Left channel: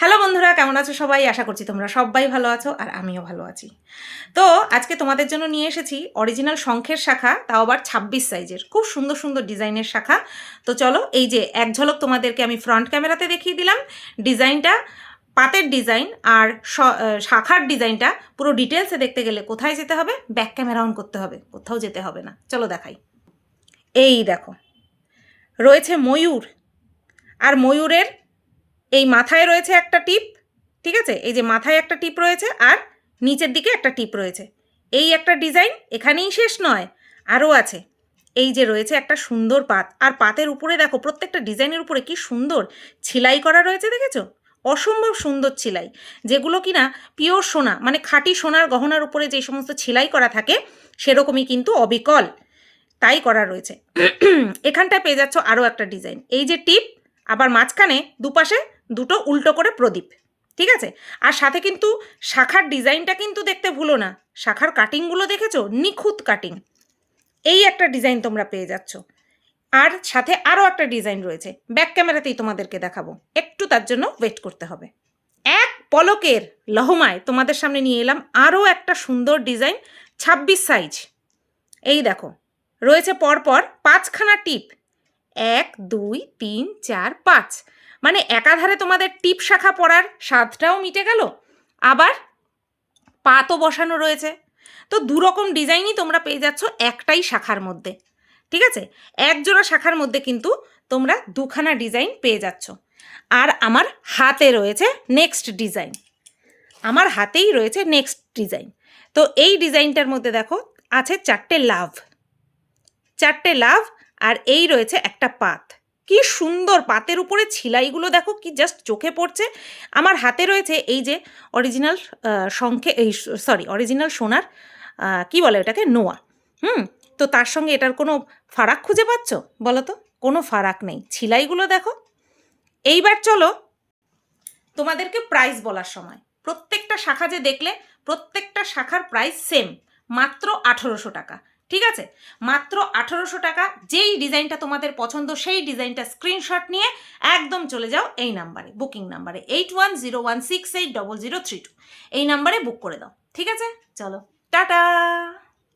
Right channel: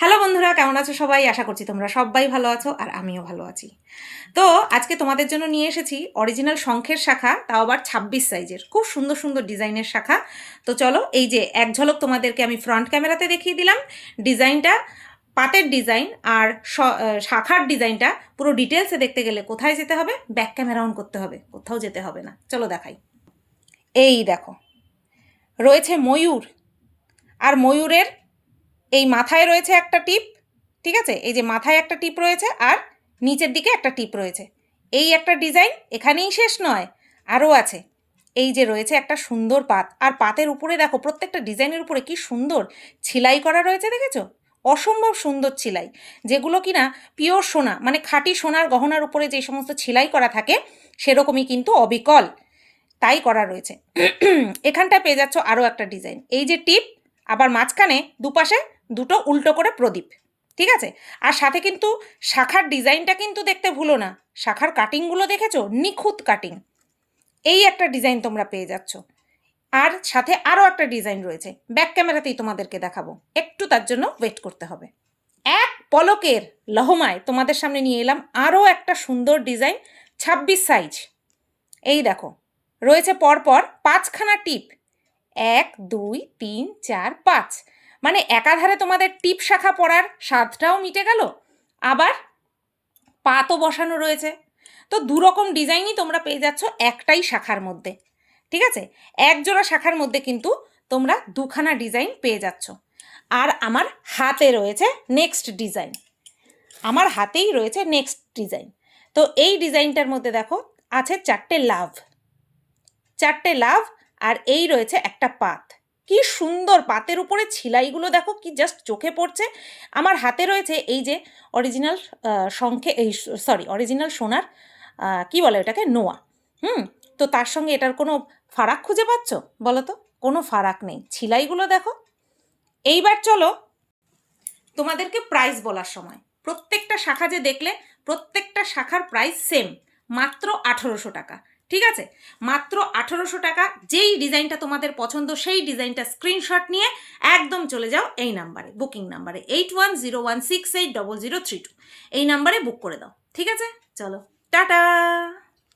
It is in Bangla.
হ্যালো বন্ধুরা, কেমন আছো সবাই? আশা করছি তোমরা সবাই ভালো আছো আর আমিও ভালো আছি। তো আজকে তোমাদের জন্য নিয়ে এসেছি অরিজিনাল শঙ্খের শাখা, তাও আবার 26 সাইজের, খুব সুন্দর সুন্দর ডিজাইনের শাখা। তো চলো, এই যে এক ঝলক তোমাদেরকে আমি ফ্রন্ট ক্যামেরাতে দেখিয়ে দিলাম ডিজাইনটা, পাতের ডিজাইন আর শাখার ডিজাইনটা পুরো ডিটেলসে দেখতে গেলে কোথায় যেতে হবে? ব্যাক ক্যামেরা অন করতে হবে, কোথাও যেতে হবে না। চলো দেখাই। এই দেখো, রয়েছে ময়ূর, আর ময়ূরের এই মাথায় রয়েছে একটা টিপ, ঠিক আছে? এই যে মাথায় একটা টিপ রয়েছে আর নিচের দিকে একটা টিপ রয়েছে। এই একটা ডিজাইন এখানেই শেষ নয়, আরও আছে। এই যে রয়েছে একটা সুন্দর পাত, আর পাতের উপরে দেখো প্রত্যেকটা ডিজাইনের উপরে কি সুন্দর ছিলাই করা রয়েছে, দেখেছো? অসম্ভব সুন্দর ছিলাই, যেগুলো কিনা পিওর সোনা, মানে খাঁটি সোনার গহনার উপরে যে সমস্ত ছিলাই করা থাকে সেরকমই কিন্তু অবিকল তাই করা রয়েছে। এখানটায় পেয়ে যাচ্ছ আরও একটা ডিজাইন, এই যে টিপ, আবার মাঝখানে দুপাশে দুটো উল্টো করে প্রদীপ, ঠিক আছে? আর সাথে কিন্তু শাখার ডিজাইনটা কিন্তু দেখতে ভুলো না, শাখার কাটিংগুলো দেখেছো? নিখুঁত কাটিং। এই একটা ডিজাইন তোমরা পেয়ে যাচ্ছ, আর সাথে আরও একটা ডিজাইন রয়েছে, ব্যাক ক্যামেরাতেই তোমাদেরকে দেখাবো, একটু তার জন্য ওয়েট করতে হবে। এক পলকের লহমায় তোমাদের সামনে নিয়ে এলাম আরও একটা সুন্দর ডিজাইন, 26 সাইজ। এই দেখো, রয়েছে পরপর 5খানা টিপ, 1 2 3 4 5, মানে একাধারে তোমাদের টিপ শাখা পরার স্বাদটাও মিটে গেল, আবার পাতও বসানো রয়েছে। তো দুরকম ডিজাইনই তোমরা পেয়ে যাচ্ছ একটাই শাখার মধ্যে, ঠিক আছে? এক জোড়া শাখার মধ্যে কিন্তু তোমরা দুখানা ডিজাইন পেয়ে যাচ্ছ। আর আমার হাতে রয়েছে নেক্সট ডিজাইন, আমার হাতেই রয়েছে নেক্সট ডিজাইন। তো এই ডিজাইনটার মধ্যে দেখো আছে 4টে লাভ, 4টে লাভ, আর এই রয়েছে একটা পাত। কি সুন্দর পাতের উপরে ছিলাইগুলো দেখো, কি জাস্ট চোখে পড়ছে। আমার হাতে রয়েছে এই যে অরিজিনাল শঙ্খে, এই সরি অরিজিনাল সোনার কি বলে ওটাকে, নোয়া। তো তার সঙ্গে এটার কোনো ফারাক খুঁজে পাচ্ছ বলো তো? কোনো ফারাক নেই, ছিলাইগুলো দেখো। এইবার চলো তোমাদেরকে প্রাইস বলার সময়, প্রত্যেকটা শাখা যে দেখলে প্রত্যেকটা শাখার প্রাইস সেম, মাত্র 1800 টাকা, ঠিক আছে? মাত্র 1800 টাকা। যেই ডিজাইনটা তোমাদের পছন্দ সেই ডিজাইনটা স্ক্রিনশট নিয়ে একদম চলে যাও এই নাম্বারে, বুকিং নাম্বারে 8101680032, এই নাম্বারে বুক করে দাও, ঠিক আছে? চলো টাটা।